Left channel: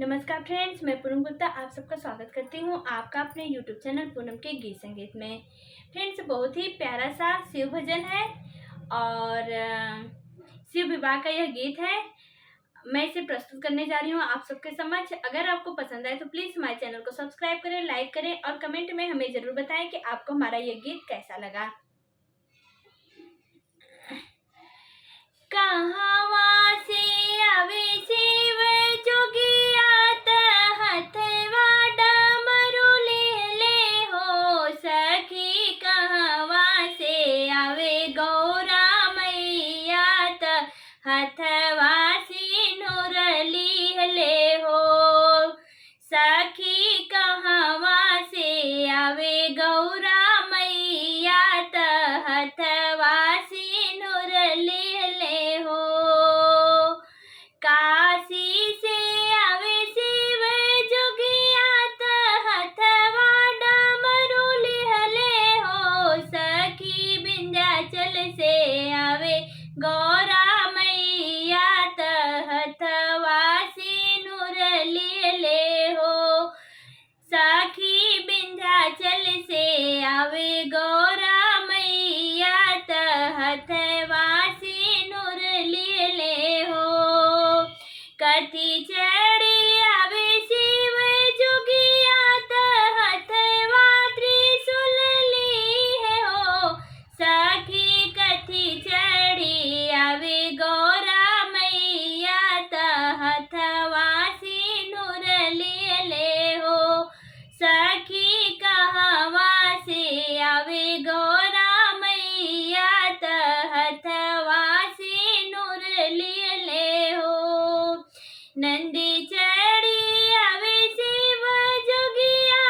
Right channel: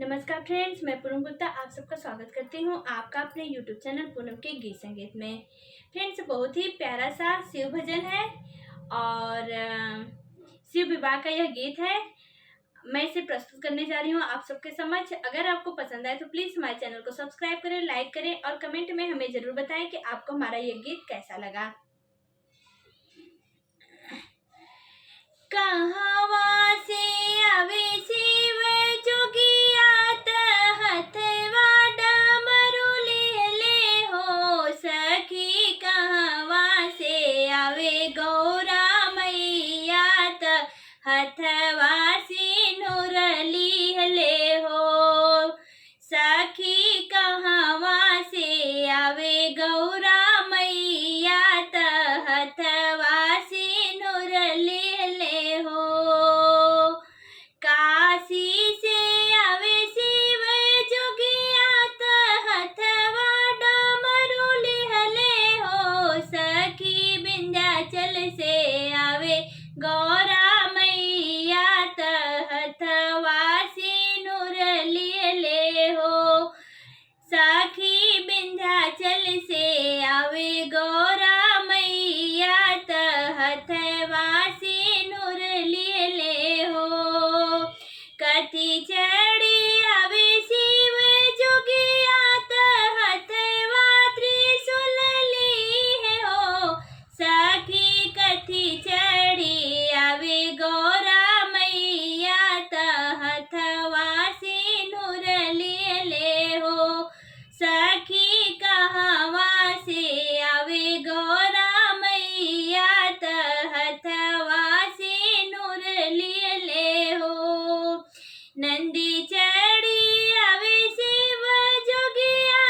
नमस्कार फ्रेंड्स, मैं पूनम गुप्ता आप सबका स्वागत करती हूँ आपका अपने यूट्यूब चैनल पूनम के गीत संगीत में। फ्रेंड्स, बहुत ही प्यारा सा शिव भजन है और शिव विवाह का यह गीत है। मैं इसे प्रस्तुत करने जा रही हूँ आप सबके समक्ष। अगर आपको पसंद आए तो प्लीज़ हमारे चैनल को सब्सक्राइब करें, लाइक करें और कमेंट में हमें ज़रूर बताएं कि आपको हमारा यह गीत कैसा लगा। कहवा से आवे शिव जोगिया हथवा डमरू ले हो सखी। कहवा से आवे गौरा मैया हथवा सिनुर ले हो सखी। कहवा से आवे गौरा मैया हथवा सिनुर ले हो। काशी से आवे शिव जोगिया हथवा डमरू ले हो सखी। विंध्याचल से आवे गौरा मैया हथवा सिनुर ले हो सखी। विंध्याचल से आवे गौरा मैया हथवा सिनुर ले हो। कथी चढ़ी आवे शिव जोगिया हथवा त्रिशूल ली हो सखी। कथी चढ़ी आवे गौरा मैया हथवा सिनुर ले हो सखी। कहवा से आवे गौरा मैया हथवा सिनुर ले हो। नंदी चढ़ी आवे शिव जोगिया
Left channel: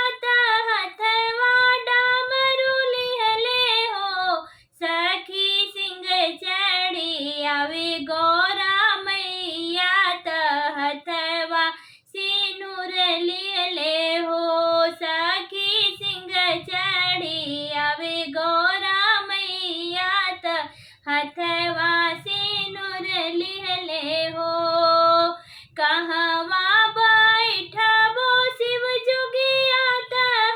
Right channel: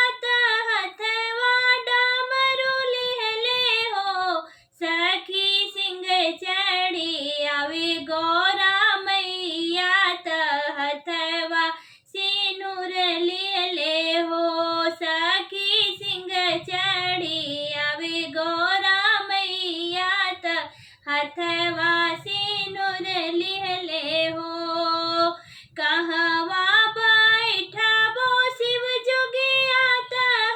हथवा डमरू ले हो सखी। सिंह चढ़ी आवे गौरा मैया हथवा सिनुर ले हो सखी। सिंह चढ़ी आवे गौरा मैया हथवा सिनुर ले हो। कहवा बैठबो शिव जोगिया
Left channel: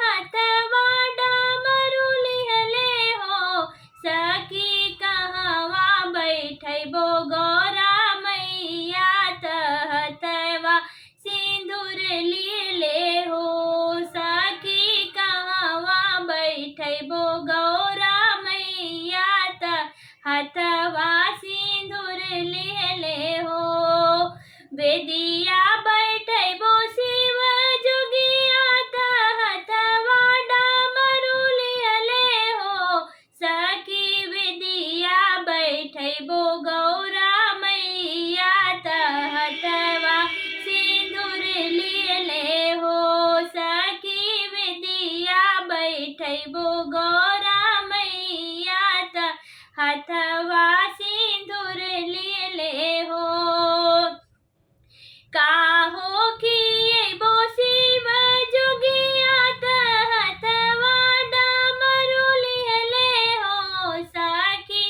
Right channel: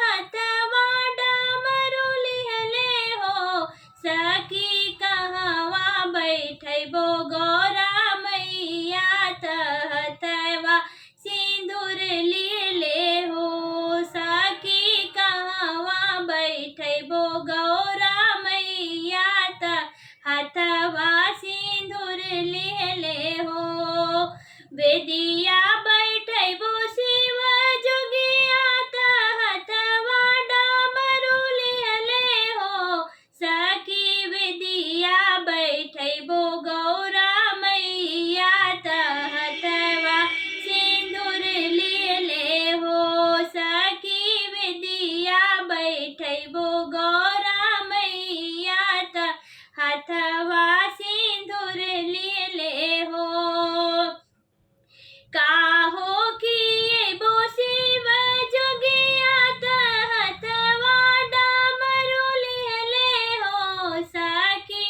हथवा डमरू ले हो सखी। कहवा बैठबो गौरा मैया हथवा सिंदूर ले हो सखी। कहवा बैठबो गौरा मैया हथवा सिंदूर ले हो। बेदिया बैठबो शिव जोगिया हथवा डमरू ले हो सखी। बेदिया बैठबो गौरा मैया हथवा सिंदूर ले हो सखी। बेदिया बैठबो गौरा मैया हथवा सिंदूर ले हो। काहो किएबो शिव जोगिया हथवा डमरू ले हो सखी।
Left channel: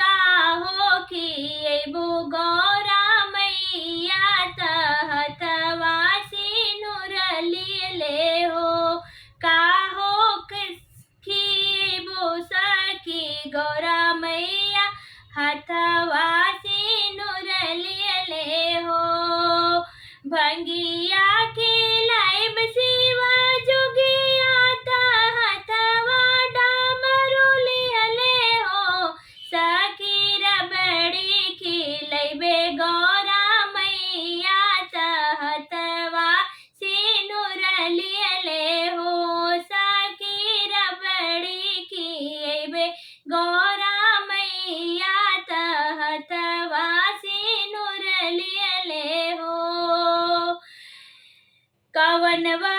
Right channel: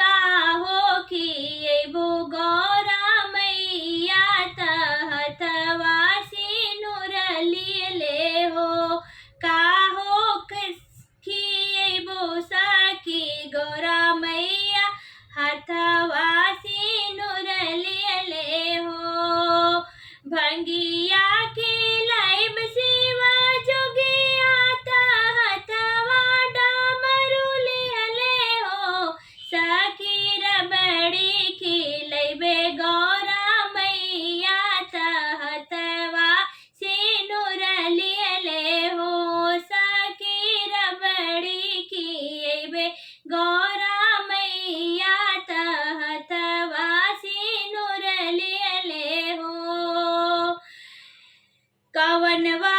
काहो किएबो गौरा मैया हथवा सिनुर ले हो। काहो किएबो सखी गौरा मैया हथवा सिनुर ले हो। भंगिया खिलाइब शिव जोगिया हथवा डमरू ले हो सखी। रबड़ी खिलाइबे गौरा मैया हथवा सिनुर ले हो सखी। रबड़ी खिलाइबे गौरा मैया हथवा सिनुर ले हो। कवनवा